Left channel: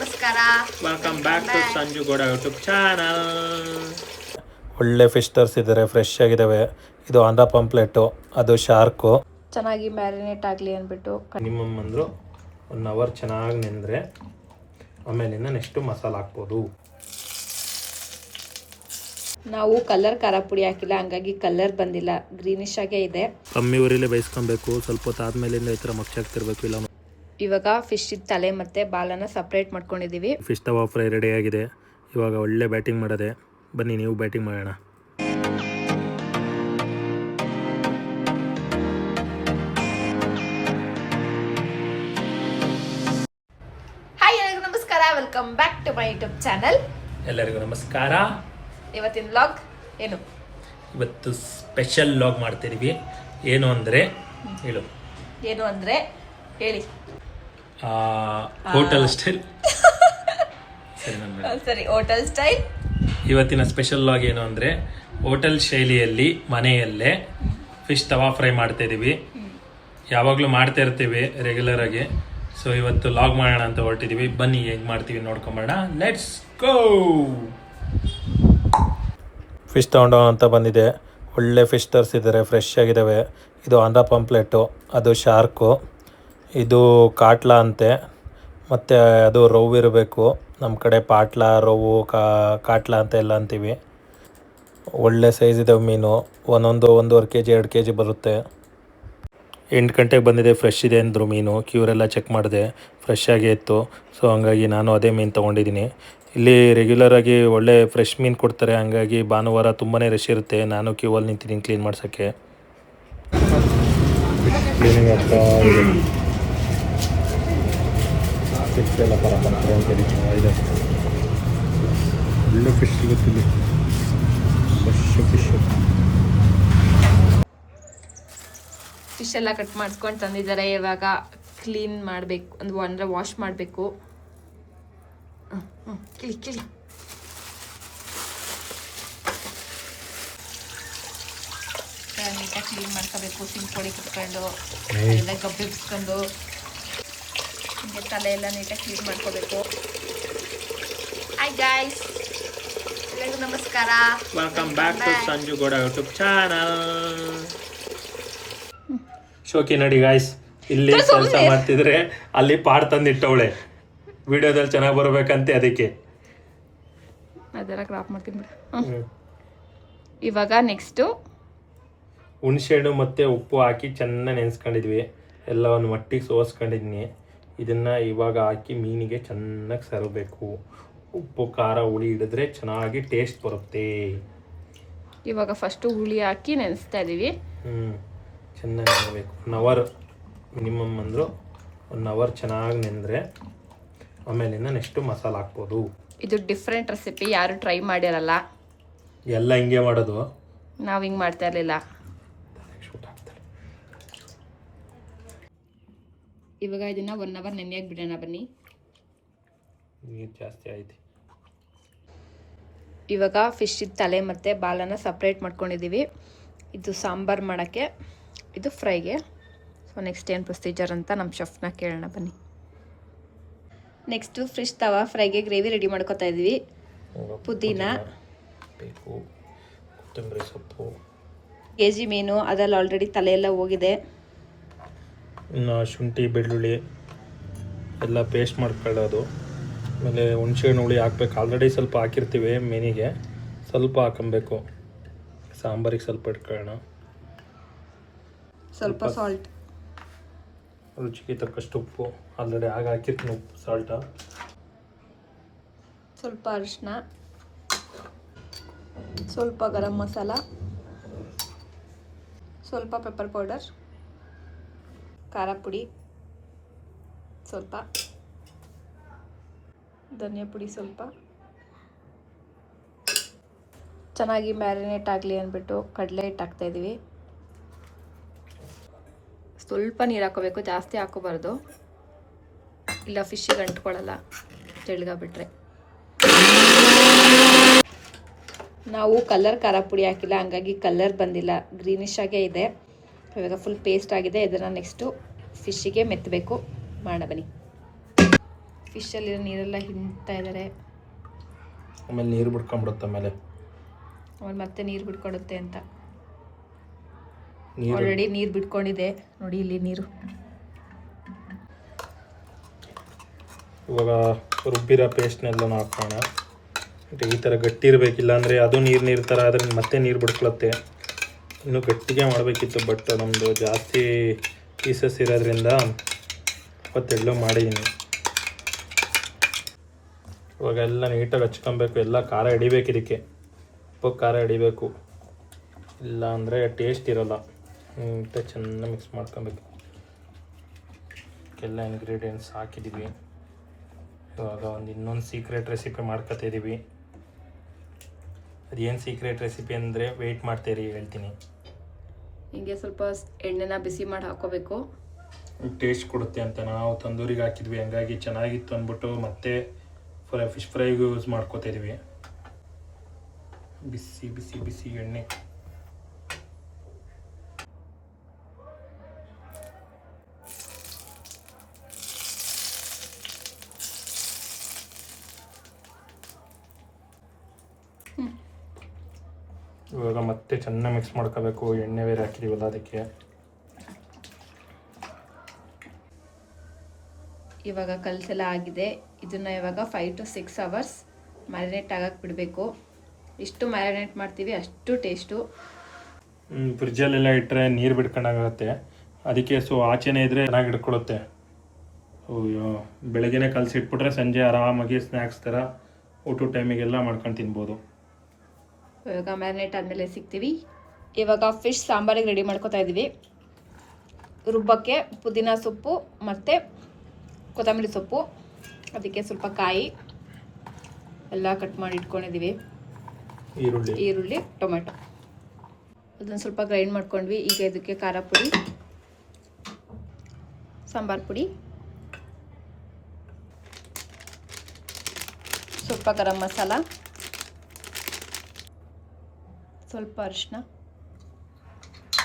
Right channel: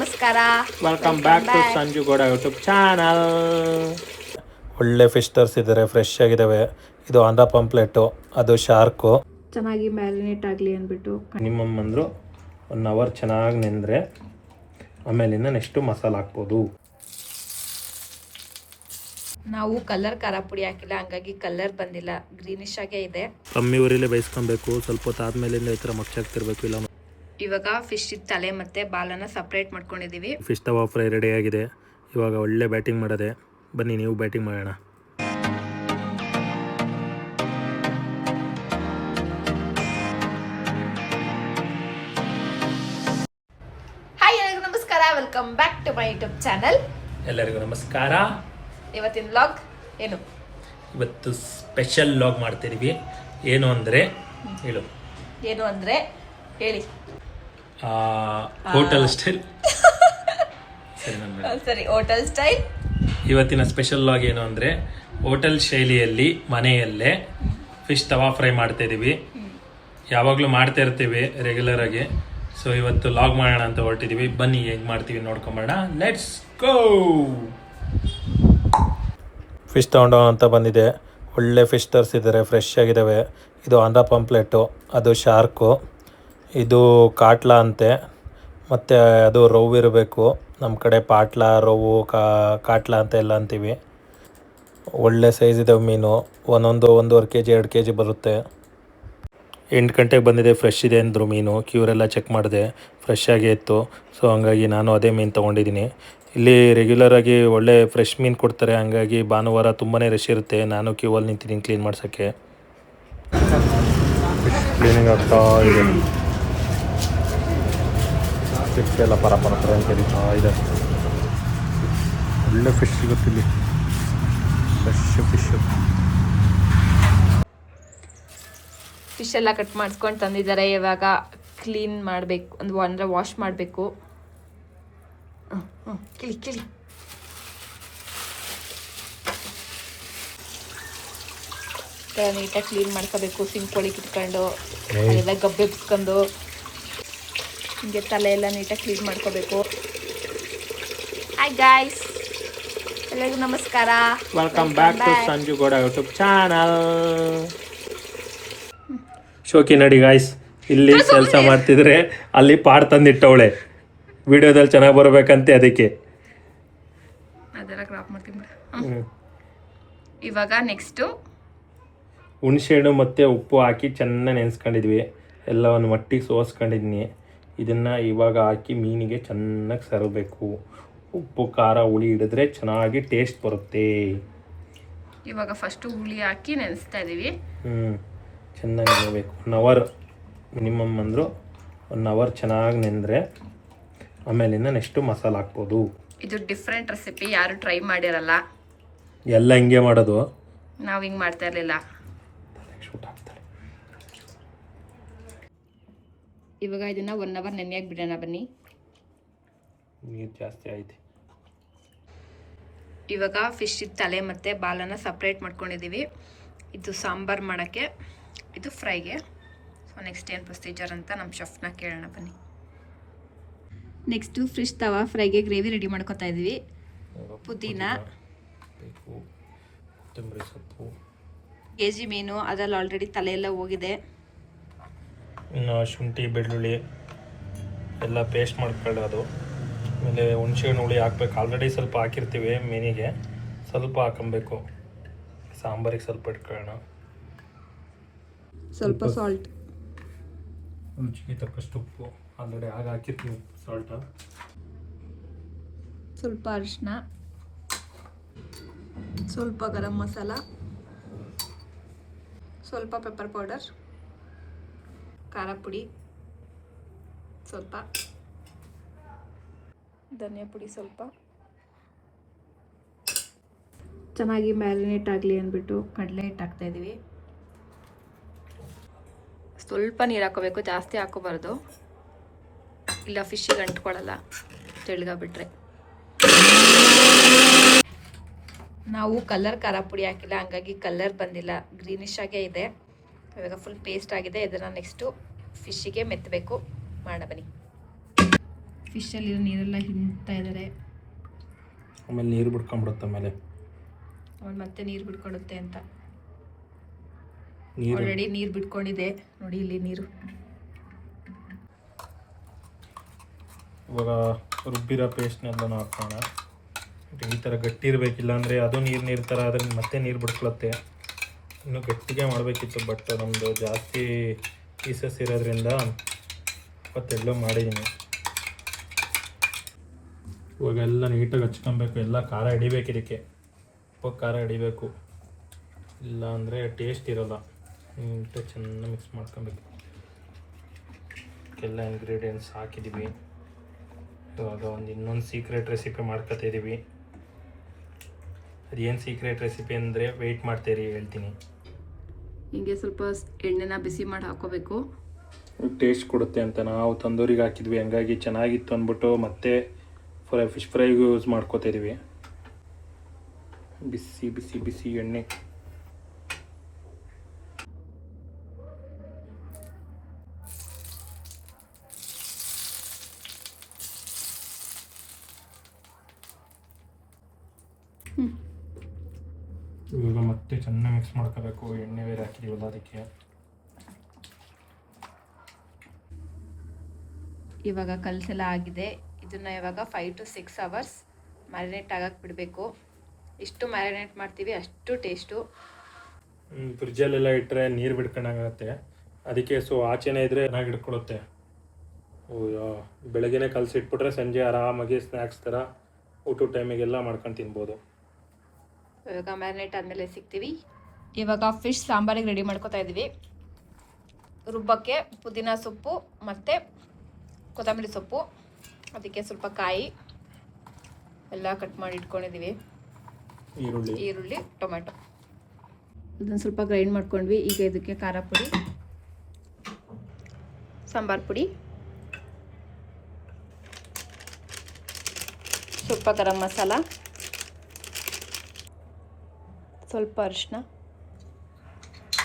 ನಮಸ್ಕಾರ. Welcome back to Sanju Gowda YouTube channel. ಒಳ್ಳೆ fish ತರಿಸಿದ್ದಾರೆ, ಫ್ರೆಶ್ ಆಗಿದ್ದಾವೆ. ಇದು ಆಂಧ್ರ ಪಾಂಪ್ಲೆಟು, ಅದು ಶಾರ್ಕು. ಚೆನ್ನಾಗಿ ಮ್ಯಾರಿನೇಟ್ ಆಗಲಿ ಅಂದ್ಬಿಟ್ಟು ಮಿನಿಮಮ್ ಅಂದರು 1 ಅವರ್ ಚೆನ್ನಾಗಿ ನೆಂದರೆ ಆಮೇಲಿಂದ ನೆಕ್ಸ್ಟು ಮಸಾಲೆ ಹಾಕ್ಬೋದು. ನಾವು ಕಲರ್ ಖಾರ ಪುಡಿ ಹಾಕಿಲ್ಲ, ಹಂಗಾಗಿ ಕಲರ್ ಬಂದಿಲ್ಲ, ಗ್ರೀನಿಶ್ ಆಗೇ ಇದೆ. ಕಮ್ಮಿ ಊರಿಲೇ ಬೇಯಿಸ್ಕೊಬೇಕು, ಸ್ವಲ್ಪ ಹೊತ್ತು ಆದಮೇಲಿಂದ ಈ ಥರ ಮಗ್ಚಾಗ್ತಿರ್ಬೇಕು. ಇಲ್ಲ ಇವಾಗ ಫಿಶ್ ತಲೆ ಮತ್ತು ಬಾಲನ್ನು ಸಪ್ರೇಟ್ ಮಾಡ್ಕೊಂಡಿದ್ದೀವಿ. ಫಿಶ್ ತವಾ ಫ್ರೈ ರೆಡಿ ಆಗಿದೆ. ಇವಾಗ ಒಳ್ಳೆ ಬ್ಯಾಟಿಂಗ್ ಮಾಡೋದೆ. ಬನ್ನಿ ನೀವು ಬ್ಯಾಟಿಂಗ್ ಮಾಡೋಣ. ಹಾಯ್, ಎಲ್ಲರಿಗೂ ನಮಸ್ಕಾರ. Welcome back to my YouTube channel. ಎಲ್ಲರಿಗೂ ನಮಸ್ಕಾರ. ಇವತ್ತಿನ ವ್ಲಾಗ್ ಏನು? ಇವತ್ತು ಸ್ಪೆಷಲ್ ವ್ಲಾಗ್ ಮಾಡ್ತಿದ್ದೀವಿ. ಏನು ಅಂದರೆ ಹೇಳು. ಏನು ಅಂದರೆ ಹೇಳಿ. Hotel style. ಸರಿ, ಹೋಟೆಲ್ ಸ್ಟೈಲ್. ಇವತ್ತಿನ ಸ್ಪೆಷಲ್ ವ್ಲಾಗ್ ಏನು ಅಂದರೆ ಹೋಟೆಲ್ ಶೈಲಿಯಲ್ಲಿ ಮನೆಯಲ್ಲೇ ಫಿಶ್ ತವಾ ಫ್ರೈ ಮಾಡ್ತಾ ಇದ್ದೀವಿ. ಯಾವಾಗಲೂ ಮಾಡ್ತಾ ಇರ್ತೀವಿ ರೆಗ್ಯುಲರ್ ಆಗಿ. ಸೊ ಇವತ್ತು ವ್ಲಾಗ್ ಮಾಡೋಣ ಅಂತ ಹೊರಟಿದ್ದೀವಿ. ಬನ್ನಿ ಹೇಗೆ ಮಾಡ್ತೀವಿ ನೋಡ್ಕೊಂಬೋಣ. Let's go. ಫಿಶ್ ತೊಗೊಂಡೋಣ ಅಂತ ಬಂದಿದೆ. ಒಳ್ಳೆ ಫಿಶ್ ತರಿಸಿದ್ದಾರೆ, ಫ್ರೆಶ್ ಆಗಿದ್ದಾವೆ. ಇದು ಆಂಧ್ರ ಪಾಂಪ್ಲೆಟು, ಅದು ಶಾರ್ಕು. ಇದು ಕಾಟ್ಲಾ ಅಂತೆ. ಮತ್ತು ಅದು ರವ್ ಇರಬೇಕು. ನಮ್ಮ ಕಡೆ ಪಾಟ್ಲಾ, ರವ್ವು, ಕಾಟ್ಲಾ ಅಂತ ಎಲ್ಲ ಅಂತೀವಿ. ಒಳ್ಳೆ ಸೈಜ್ ಇದ್ದಾವೆ ಮೀನು. ಒಂದೊಂದು 1.5 kg 2 kg ಬರುತ್ತೆ. 8 ಗಂಟೆಗೆ ಬಂದಿದೆ. ಫ್ರೆಶ್ ಇದೆ ಅಂದರು ಮೀನು. ಕ್ಯೂರೆಲ್ಲ ಚೆಕ್ ಮಾಡಿದೆ, ಫ್ರೆಶ್ ಆಗೇ ಇತ್ತು. ಸೊ ಹಂಗಾಗಿ ನಾನು ಅದೇ ಮೀನು ತೊಗೊಂಡಿದ್ದೀನಿ. ಇಲ್ಲಿ ರೆಗ್ಯುಲರಾಗಿ ಒಳ್ಳೆ ಫ್ರೆಶ್ ಮೀನು ಕೊಡ್ತಾರೆ. ಹಂಗಾಗಿ ಭಾನುವಾರ ತುಂಬಾ ರಶ್ ಇರುತ್ತೆ. ನಾನು ಕ್ಯೂವಲ್ಲಿ ನಿಂತಿದ್ದೀನಿ ಕ್ಲೀನ್ ಮಾಡ್ಸೋಕ್ಕೆ. ಕ್ಲೀನಿಂಗ್ ಆಗ್ತಾ ಇದೆ. ಫಿಶ್ ಎಲ್ಲ ಪರಪರ ಅಂತ ಇದೆ. ಒಳ್ಳೆ ಫಿಶ್ ಸಿಗುತ್ತಿಲ್ಲಿ. ಫಿಶ್ ಎಲ್ಲ ಕಟ್ ಮಾಡ್ಕೊಂಡು ತಂದಿದ್ದಾರೆ. ಇವಾಗ ಕ್ಲೀನ್ ಮಾಡಬೇಕು, ಅಂದರೆ ವಾಶ್ ಮಾಡಬೇಕು. ಕಿಳಿ ಕಿಳಿ. ನೀಟಾಗಿ ಕ್ಲೀನ್ ಮಾಡ್ಕೋಬೇಕು. ಸಿಂಕ್ ಒಳಗೆ ಇಟ್ಕೊಂಡು ಎಲ್ಲ ಗಬ್ಬೆ ಬಿಸ್ಕೊಂಡು ಹಿಂಗೆ ತಲೆ ಎಲ್ಲ ನೀಟಾಗಿ ಕ್ಲೀನ್ ಮಾಡ್ಕೋಬೇಕು. ಹಾಯ್ ಗಾಯ್ಸ್, ಎಲ್ಲರಿಗೂ ನಮಸ್ಕಾರ. Welcome back to Sanju Gowda YouTube channel. ಶೋಕಿ ನೋಡಿ ಗಾಯ್ಸ್, ಇಲ್ಲಿ ಕೆಲಸ ಮಾಡ್ತಿದ್ರೆ ಅಲ್ಲಿ ಪಾಡ್ ತಂದಿಟ್ಟವಳೆ. ವಿಡಿಯೋದಲ್ಲಿ ಚೆನ್ನಾಗಿ ಬರಬೇಕಂತೆ, ಅದಕ್ಕೆ ಅದೆಲ್ಲ ಕ್ರಾಪ್ ಮಾಡ್ತೀನಿ ಬಿಡು. ಇವಾಗ ನೆಕ್ಸ್ಟು ಹುಣಸೆಹಣ್ಣು ಮತ್ತು ಉಪ್ಪು ಹಾಕಿ ಚೆನ್ನಾಗಿ ನೆನೆಸ್ಕೊಂಡಿದ್ವಿ. ಎಲ್ಲ ಒಂದು ಮಟ್ಟಿಗೆ ಸೋಸ್ಕೊಂಡಿದ್ದೀನಿ. ಇದನ್ನು ಇವಾಗ ಹಾಕಿ ಮೀನಿಗೆ ಚೆನ್ನಾಗಿ ಸರಬೇಕು. ಉಪ್ಪು ಖಾರ ಹುಳಿ ಹಿಡಿದ್ರೆ ಚೆನ್ನಾಗಿ ಟೇಸ್ಟ್ ಬರುತ್ತೆ. ಇವಾಗ ಫಸ್ಟು ಹುಳಿ ಹಾಕಿ ನೆನೆಸ್ತಾ ಇದ್ದೀವಿ. ಚೆನ್ನಾಗಿ ನೆನೆಬೇಕು. 1 ಅವರ್ ಮಿನಿಮಮ್ ಅಂದರು 1 ಅವರ್ ಚೆನ್ನಾಗಿ ನೆಂದರೆ ಆಮೇಲಿಂದ ನೆಕ್ಸ್ಟು ಮಸಾಲೆ ಹಾಕ್ಬೋದು. ಇದು ಡಿಫ್ರೆಂಟ್ ರೆಸಿಪಿ, ಯಾರು ಟ್ರೈ ಮಾಡಿರಲ್ಲ. ಎಲ್ಲ ಹಿಂಗೆ ಮಾಡೋದು, ನಾವು ಹಿಂಗೆ ಮಾಡ್ತಾ ಇರಲಿಲ್ಲ. ಇವಾಗ ಇದನ್ನು 1 ಅವರ್ ನೆನೆಯಾಗಿ ಬಿಡೋಣ. ಬನ್ನಿ. ನೀರು ಜಾಸ್ತಿ ಆಯ್ತು. ಇವಾಗ ಫಿಶ್ ತಲೆ ಮತ್ತು ಬಾಲನ್ನು ಸಪ್ರೇಟ್ ಮಾಡ್ಕೊಂಡಿದ್ದೀವಿ. ಇದು ಸಾಂಬಾರು ಮಾಡೋಕ್ಕೆ, ಇದು ಫ್ರೈಗೆ. ಸೊ ನೆಕ್ಸ್ಟ್ ಏನು ಪ್ರೊಸೀಜರ್ ಅಂತ ನಮ್ಮ ಶೆಫ್ನ ಕೇಳೋಣ ಬನ್ನಿ. ನೆಕ್ಸ್ಟು ಫಿಶ್ ತವಾ ಫ್ರೈಗೆ ಗ್ರೇವಿ ರೆಡಿ ಮಾಡ್ಕೊತಾ ಇದ್ದೀವಿ. ಪುದೀನ ಬೇಕು, ಕೊತ್ತಂಬರಿ ಸೊಪ್ಪು, kg ಮೀನು, ಅದರಲ್ಲಿ ಆಲ್ರೆಡಿ ತಲೆ ಎಲ್ಲ ಹೋಗಿದೆ. ಇನ್ನು ಶುಂಠಿ ಬೆಳ್ಳುಳ್ಳಿ ಎಲ್ಲ ಪೇಸ್ಟ್ ಮಾಡ್ಕೊಳ್ಳೋದು. ಆಮೇಲೆ ಹುಣಸೆಹಣ್ಣು ಹುಳಿ ಹಾಕ್ಬೇಕು. ಆಲ್ರೆಡಿ ಸ್ವಲ್ಪ ಹಾಕಿರ್ತೀವಿ ಮೀನಿಗೆ, ಸ್ವಲ್ಪ ಹಾಕೊಬೇಕು. ಸಾಂಬಾರಿಗೆ ಸ್ವಲ್ಪ ಇಟ್ಕೊಳ್ಳೋಣ. ಸ್ವಲ್ಪ ಸಾಲ್ಟ್, ರುಚಿಗೆ ತಕ್ಕಷ್ಟು ಉಪ್ಪು. ಆಲ್ರೆಡಿ ಆಗ ಹಾಕಿರ್ತೀನಿ ಉಪ್ಪು, ಸಾಲ್ಟ. ಸ್ವಲ್ಪ ಅರಿಶಿನ, ಸ್ವಲ್ಪ ಗರಂ ಮಸಾಲ, ಸ್ವಲ್ಪ ಪೆಪ್ಪರ್ ಪೌಡರ್, ಖಾರ ಪುಡಿ ಸ್ವಲ್ಪ, ಧನಿಯಾ ಪುಡಿ ಸ್ವಲ್ಪ. ಚೆನ್ನಾಗಿ ಮ್ಯಾರಿನೇಟ್ ಆಗಲಿ ಅಂದ್ಬಿಟ್ಟು ಕಡಲೆ ಹಿಟ್ಟು ಹಾಕ್ತಾಯಿದ್ದೀವಿ. ಸ್ವಲ್ಪ ನೀರು ಹಾಕೋಬೇಕು, ಜಾಸ್ತಿ ಹಾಕೋಬಾರ್ದು, ಇಲ್ಲ ಫಿಶ್ಶಿಗೆ ಅಂಟ್ಕೊಳ್ಳಲ್ಲ ತೆಳ್ಳಗಾಗ್ಬಿಟ್ರೆ. ನಾವು ಕಲರ್ ಖಾರ ಪುಡಿ ಹಾಕಿಲ್ಲ, ಹಂಗಾಗಿ ಕಲರ್ ಬಂದಿಲ್ಲ, ಗ್ರೀನಿಶ್ ಆಗೇ ಇದೆ. ಇವಾಗ ಫುಲ್ ಪೇಸ್ಟ್ ಆಗಿದೆ. ಇದನ್ನು ನೆಕ್ಸ್ಟು ಫಿಶ್ಶಿಗೆ ಮೆತ್ತಬೇಕು. ಮಾಡೋಣ ಬನ್ನಿ. ಫಿಶಲ್ಲಿರೋ ನೀರೆಲ್ಲ ಹಿಂಡ್ತಾ ಇದ್ದಾರೆ. ಆಮೇಲೆ ನೀರು ಬಿಡ್ಕೊಂಡ್ಬಿಡುತ್ತೆ. ಆಮೇಲೆ ಮತ್ತೆ ನೀರು ಬಿಟ್ಕೊಡುತ್ತೆ ಅಂತ ನೀರು ಆಲ್ರೆಡಿ ನೀರು ಬಿಟ್ಕೊಂಡಿದೆ ನೋಡಿ ಇಲ್ಲಿ ನೀರು. ಇವಾಗ ರುಬ್ಬಿರೋ ಪೇಸ್ಟ್ನೆಲ್ಲ ಹಾಕೋಣ. ಈ ಥರ ಗಟ್ಟಿ ಇರಬೇಕಿಲ್ಲ ಅಂದರೆ ಅದು ನೀರು ಥರ ಆದರೆ ಮತ್ತೆ ನೀರು ಬಿಡ್ಕೊಳುತ್ತೆ. ಇನ್ನೂ ಗಟ್ಟಿಗೆ ಮಾಡಬೇಕಿತ್ತು, ಬಟ್ ನಮ್ಮದು ಜಾಸ್ತಿ ಪೀಸಸ್ ಇರೋದ್ರಿಂದ ಇವತ್ತೆಲ್ಲೋ ಮಾಡಿದ್ದೀನಿ. ಇವಾಗ ಎಲ್ಲ ನೀಟಾಗಿ ಹಚ್ಕೊಬೇಕು, ಎಲ್ಲ ಖಾರ ಹಿಡಿಬೇಕು. ಇದಕ್ಕೆ ಉಪ್ಪು ಖಾರ ಹಿಡಿಬೇಕು, ಇಲ್ಲ ಅಂದರೆ ಟೇಸ್ಟ್ ಇರೋಲ್ಲ. ನೀಟಾಗಿ ಚೆನ್ನಾಗಿ ಮಿಕ್ಸ್ ಮಾಡ್ಕೊಬೇಕು. ಎಲ್ಲ ಇಂಗ್ರೀಡಿಯೆಂಟ್ಸ್ ಹಾಕಿದ್ದೀವಿ. ಇವಾಗ ಇನ್ನೊಂದು ಸೀಕ್ರೆಟ್ ರೆಸಿಪಿ ಮಾಡ್ಕೊತಿದ್ದೀವಿ. ಅದೇನು ಸೀಕ್ರೆಟ್ ರೆಸಿಪಿ ಅಂದರೆ ವೆಯ್ಟ್ ಮಾಡ್ತೀರಿ, ಹೇಳ್ತೀನಿ. ಹಿಂಗೆ ಸ್ವಲ್ಪ ಎಣ್ಣೆನ ಬಿಸಿ ಮಾಡಿ ಹಾಕೋಬೇಕು, ಟೇಸ್ಟ್ ಕೊಡುತ್ತೆ ಅಂತ. ನಾವು ತಂದೂರಿಗೆ ಹಾಕಿದ್ವಿ, ಹಂಗಾಗಿ ಚೆನ್ನಾಗಿತ್ತು ಅಂದ್ಬಿಟ್ಟು ಮತ್ತೆ ಫಿಶ್ ಫ್ರೈಗೂ ಯೂಸ್ ಮಾಡ್ಕೋತಿದ್ವಿ. ಬಿಸಿ ಬಿಸಿ ಬಿಸಿ ಎಣ್ಣೆ. ಇವಾಗ ಮತ್ತೆ ಚೆನ್ನಾಗಿ ಮಿಕ್ಸ್ ಮಾಡ್ಕೋಬೇಕು. ಎಣ್ಣೆ ಬೇರೆ ಹಾಕಿದೀವಲ್ಲ ಅದಕ್ಕೆ. ಇವಾಗ ಕಲಸೆಲ್ಲ ಆಗಿದೆ. ಇದನ್ನು ಇವಾಗ 5 to 6 hours ಮ್ಯಾರಿನೇಟ್ ಆಗಕ್ಕೆ ಬಿಡಬೇಕು. ಎಷ್ಟು ಮ್ಯಾರಿನೇಟ್ ಮಾಡ್ತೀವಿ ಅಷ್ಟು ಟೇಸ್ಟು. ಫ್ರಿಜ್ಜಲ್ಲೆಲ್ಲ ಇಟ್ಟರೆ ನೀರು ಬಿಡ್ಕೊಂಡಾಗುತ್ತೆ. ಅದಕ್ಕೆ ಆಚೆನೇ ಇದ್ದರೆ ಚೆನ್ನಾಗಿ ಹಿಡ್ಕೊಳುತ್ತೆ. ಬೆಳಗ್ಗೆನೇ ಕಲಸಿಟ್ಬಿಟ್ರೆ ಸಂಜೆ ಆರಾಮಾಗಿ ಸ್ನ್ಯಾಕ್ಸ್ ಥರ ಊಟ ಟೈಮಿಗೆಲ್ಲ ಮಾಡ್ಕೊಂಡು ತಿನ್ಬೋದು. ಇವಾಗ ಮ್ಯಾರಿನೇಟ್ ಆದಮೇಲೆ ಸಿಗ್ತೀವಿ. ಇವಾಗ ಫಿಶ್ ಸಾಂಬಾರಿಗೆ ರೆಡಿ ಮಾಡ್ಕೊತಾ ಇದ್ದೀವಿ. ರುಬ್ಬಕ್ಕೆ ಪುದೀನ ಸೊಪ್ಪು ಮತ್ತು ಕೊತ್ತಂಬರಿ ಸೊಪ್ಪು, ಅದಕ್ಕೆ ಸ್ವಲ್ಪ ಕಾಯಿ ಎಲ್ಲ ಕಟ್ ಮಾಡಿ ಇಟ್ಕೊಂಡಿದ್ದೀವಿ. ಈರುಳ್ಳಿ, ಟೊಮೆಟೊ ಅದನ್ನು ಸ್ವಲ್ಪ ಗ್ರೈಂಡ್ ಮಾಡ್ಕೊಂಡ್ವಿ. ಈಗ ಇದಕ್ಕೆ ಖಾರ ಪುಡಿ, ಸಾಂಬಾರು ಪುಡಿ, ಸ್ವಲ್ಪ ಗರಂ ಮಸಾಲ, ಸ್ವಲ್ಪ ಅರಿಶಿನ,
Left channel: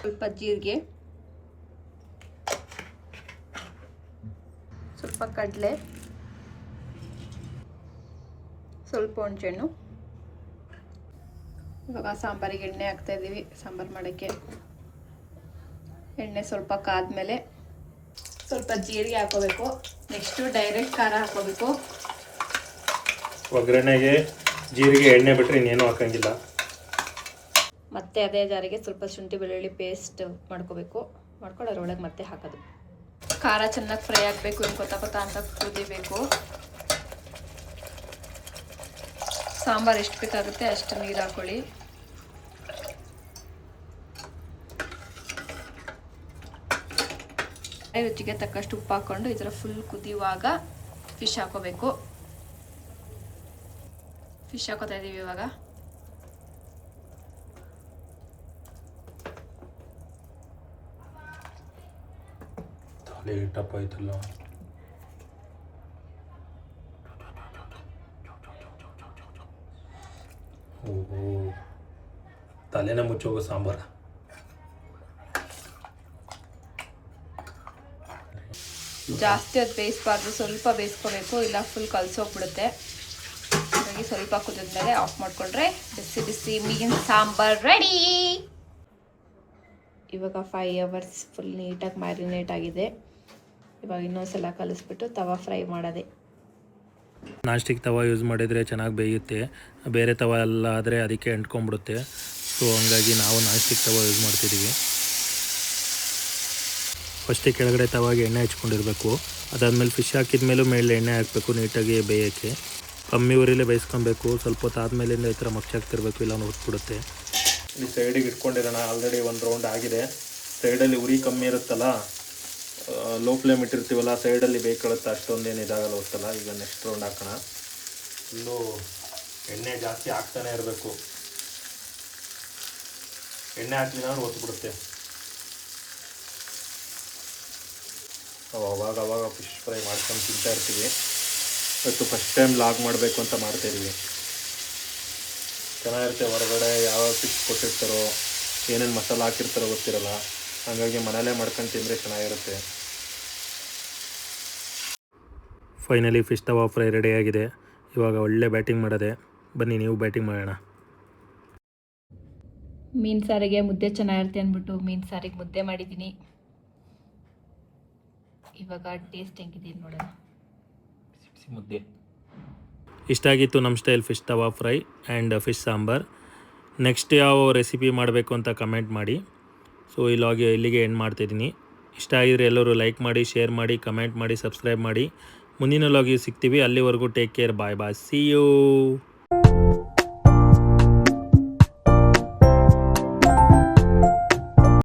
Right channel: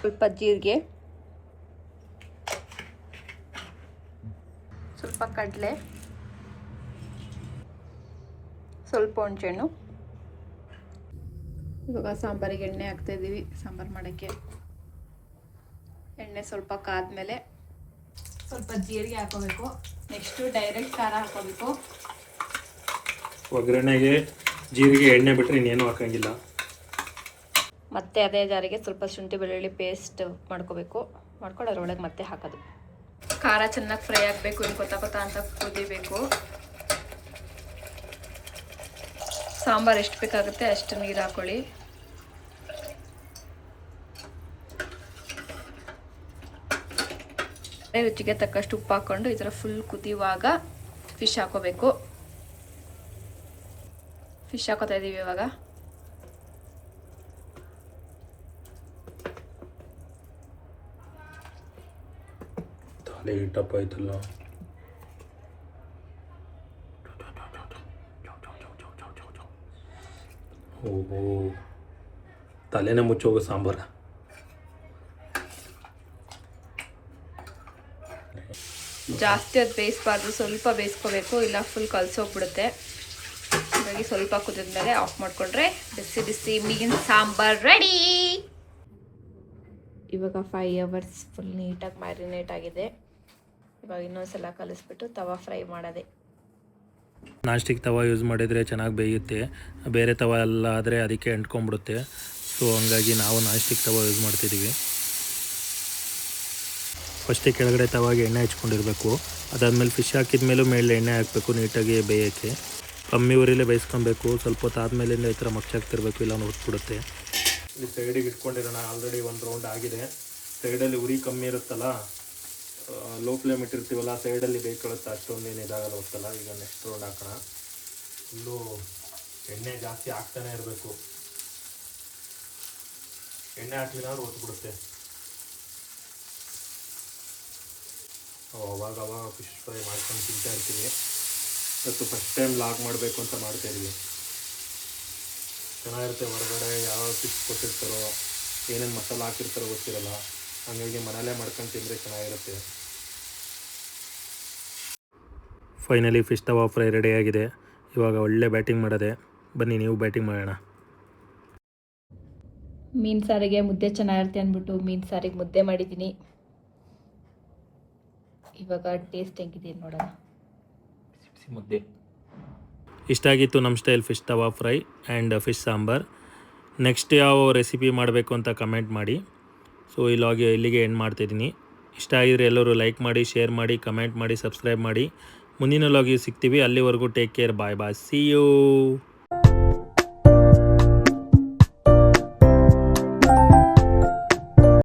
ಸ್ವಲ್ಪ ಜೀರಿಗೆ, ಸ್ವಲ್ಪ ಕಡಲೆ, ಸ್ವಲ್ಪ ಹುಣಸೆಹಣ್ಣು. ಇವಾಗ ಸಾಂಬಾರಿಗೆ ಎಣ್ಣೆ ಹಾಕ್ತಾ ಇದ್ದೀವಿ. ಸಾಂಬಾರು ಮಾಡೋಕ್ಕೆ ಎಣ್ಣೆ ಸ್ವಲ್ಪ ಕಾದ್ಮೇಲೆ ಸ್ವಲ್ಪ ಜೀರಿಗೆ ಹಾಕೋಬೇಕು. ನೆಕ್ಸ್ಟು ಡೈರೆಕ್ಟ್ ಖಾರ ಹಾಕೋಬೇಕು. ಒಗ್ಗರಣೆಗೆ ಜೀರಿಗೆ ಎಣ್ಣೆ ಬಿಟ್ಟರೆ ಇನ್ನೇನು ಹಾಕೋಂಗಿಲ್ಲ. ಮತ್ತೆ ಅದೇ ಜಾರಿಗೆ ಸ್ವಲ್ಪ ಶುಂಠಿ ಬೆಳ್ಳುಳ್ಳಿ ಪೇಸ್ಟ್ ಮಾಡ್ಕೋಬೇಕು. ಮಾಡ್ಕೊಂಡು ಅದರೊಳಗೆ ಮತ್ತೆ ಹಾಕೋದು. ಖಾರ ಚೆನ್ನಾಗಿ ಫ್ರೈ ಆಗಬೇಕು. ಇನ್ನು ಕೊತ್ತ ಅಂತ ಕುದಿಬೇಕು. ಸಾಂಬಾರು ಎಷ್ಟು ಬೇಕಾಗುತ್ತೆ ಅಷ್ಟು ನೀರು ಹಾಕೊಳ್ಳಿ. ರುಚಿಗೆ ತಕ್ಕಷ್ಟು ಉಪ್ಪು ಹಾಕ್ಕೊಂಡು ಈ ಥರ ಫುಲ್ ಕುದಿಯುವಾಗ ಫಿಶ್ ಹಾಕೋಬೇಕು. ಫಿಶ್ ಹಾಕೋತಾ ಇದ್ದೀವಿ ಇವಾಗ. ತಲೆ ಟಪ್ ಆಯ್ತಲ್ಲ. ಓಹೋ, ತಲೆನೇ ಮುಚ್ಚೋಗೋ ಸಾಂಬಾರು. ಜಾಸ್ತಿ ಅದು ಬೇಯಿಸಬಾರ್ದು, ಸ್ವಲ್ಪ ಬೇಯಿಸ್ಕೋಬೇಕು, ಇಲ್ಲ ಫುಲ್ ಕಲಸೋಗ್ಬಿಡುತ್ತೆ. ಹಾಗಾಗಿ ಸ್ವಲ್ಪ ಕುದಿದ್ಮೇಲೆ ಆಫ್ ಮಾಡಿಕೊಂಡ್ರೆ ಬಿಸಿ ಬಿಸಿ ಮೀನಿನ ಸಾಂಬಾರು ರೆಡಿ. ಇವಾಗ 5 hours ಫುಲ್ ನೀಟಾಗಿ ಮ್ಯಾರಿನೇಟ್ ಆಗಿದೆ. ಇವಾಗ ಇನ್ನೊಂದ್ಸಲ ಕಲಿಸ್ಬಿಟ್ಟು ತವಾ ಫ್ರೈ ಮಾಡೋದೆ. ನಾನ್ ಸ್ಟಿಕ್ ತವಾ ಯೂಸ್ ಮಾಡಿದರೆ ಚೆನ್ನಾಗಿ ಬೇಯುತ್ತೆ. ಬೇರೆ ತವಾ ಎಲ್ಲ ಆದರೆ ಅದಕ್ಕೆ ಅಂಟ್ಕೊಂಡ್ಬಿಡುತ್ತೆ. ಸೊ ಹಂಗಾಗಿ ನಾವು ನಾನ್ ಸ್ಟಿಕ್ ತವಾ ಯೂಸ್ ಮಾಡ್ತಿದ್ದೀವಿ. ಫಸ್ಟೇ ಕೆಳಗಡೆ ತವಾಗೆ ಎಣ್ಣೆ ಹಚ್ಕೊಂಡಿರಬೇಕು. ಅದಾದಮೇಲೆ ಫಿಶ್ ಹಾಕಿದ ಮೇಲೂ ಮೇಲೆ ಎಣ್ಣೆ ಹಾಕಬೇಕು ನೀಟಾಗಿ ಬೇಯೋಕ್ಕೆ. ಕಮ್ಮಿ ಉರಿಲೇ ಬೇಯಿಸ್ಕೊಬೇಕು. ಸ್ವಲ್ಪ ಹೊತ್ತು ಆದಮೇಲಿಂದ ಈ ಥರ ಮಗ್ಚಾಗ್ತಿರ್ಬೇಕು, ಇಲ್ಲ ಹೊತ್ಬಿಡುತ್ತೆ. ಈ ಸೈಡಿಗೆ ಇಟ್ಕೊಂಡಿರೋಣ. ಆಲ್ರೆಡಿ ಒಂದು ರೌಂಡ್ ಆಗಿದೆ. ಸೈಡಲ್ಲಿ ಉರಿ ಕಮ್ಮಿ ಇರುತ್ತಲ್ಲ, ಲೋ ಫ್ಲೇಮ್ ಇಟ್ಟಿರ್ತೀವಲ್ಲ, ಸೈಡಲ್ಲಿ ಬೇಕಳುತ್ತೆ, ಅಷ್ಟೊಂದೇನು ಇದಾಗಲ್ಲ ಹೋಗ್ತಲ್ಲ. ಈಗ ನೆಕ್ಸ್ಟ್ ರೌಂಡ್ ಹಾಕೋಣ. ಫುಲ್ಲು ಎಣ್ಣೆ ಜಾಸ್ತಿ ಹಾಕ್ತಾನೆ ಇರಬೇಕು. ಎಣ್ಣೆ ಹಾಕಲಿಲ್ಲ ಅಂದ್ರೆ ಹೊತ್ಬಿಡುತ್ತೆ. ಅವಾಗ ಫಿಶ್ ಫ್ರೈ ಮಾಡ್ಕೊಂಡು ತಿಂತಾ ಇರ್ತೀವಿ. ಇವತ್ತು ಫಸ್ಟ್ ಟೈಮ್ ಲಾಗ್ ಮಾಡಬೇಕು ಅಂತ ಮಾಡ್ತಾಯಿದ್ದೀವಿ. ಚೆನ್ನಾಗಿರುತ್ತೆ. ಹೊರಗಡೆ ಯಾವ ಫಿಶ್ ಕೊಟ್ಟಿರ್ತಾರೋ, ಏನೇನು ಮಸಾಲ ಹಾಕಿರ್ತಾರೋ ಗೊತ್ತಿರಲ್ಲ. ಹಾಗಾಗಿ ಮನೇಲೇ ಮಾಡ್ಕೊಂಡು ತಿಂದರೆ ಚೆನ್ನಾಗಿರುತ್ತೆ. ಫೈನಲಿ ಫಿಶ್ ತವಾ ಫ್ರೈ ರೆಡಿಯಾಗಿದೆ. ಇವಾಗ ಒಳ್ಳೆ ಬ್ಯಾಟಿಂಗ್ ಮಾಡೋದೆ. ಬನ್ನಿ ನೀವು ಬ್ಯಾಟಿಂಗ್ ಮಾಡೋಣ. ಮೀನು ಸಾರಿಗೆ ಮುದ್ದೆ ಚೆನ್ನಾಗಿರುತ್ತೆ ಅಂದ್ಬಿಟ್ಟು ಮೀನು ಸಾರಿಗೆ ಮುದ್ದೆ ಮಾಡಿದ್ದೀನಿ. ಇವಾಗ ಟೇಸ್ಟ್ ಹೆಂಗಿದೆ ನೋಡೋಣ. ಮುದ್ದೆ ಇಷ್ಟ ಆಗಿತ್ತು ನಮ್ಮ style fish tawa fry and fish sambar. Next ಯಾವ ರೆಸಿಪಿ ಮಾಡಬೇಕು ಅಂತ ಕಮೆಂಟ್ ಮಾಡಿ. ಸೊ ಇಲ್ಲಿಗೆ ಎಂಡ್ ಮಾಡ್ತಾಯಿದ್ದೀನಿ. ಇಷ್ಟ ಆಗಿದ್ರೆ ಎಲ್ಲರೂ ಲೈಕ್ ಮಾಡಿ, ಶೇರ್ ಮಾಡಿ, ಕಮೆಂಟ್ ಮಾಡಿ, ಸಬ್ಸ್ಕ್ರೈಬ್ ಮಾಡಿ. ಮುಂದಿನ ಲಾಗಿಗೆ ಸಿಗ್ತೀವಿ. ಅಲ್ಲಿವರೆಗೂ take care. Bye bye. See you.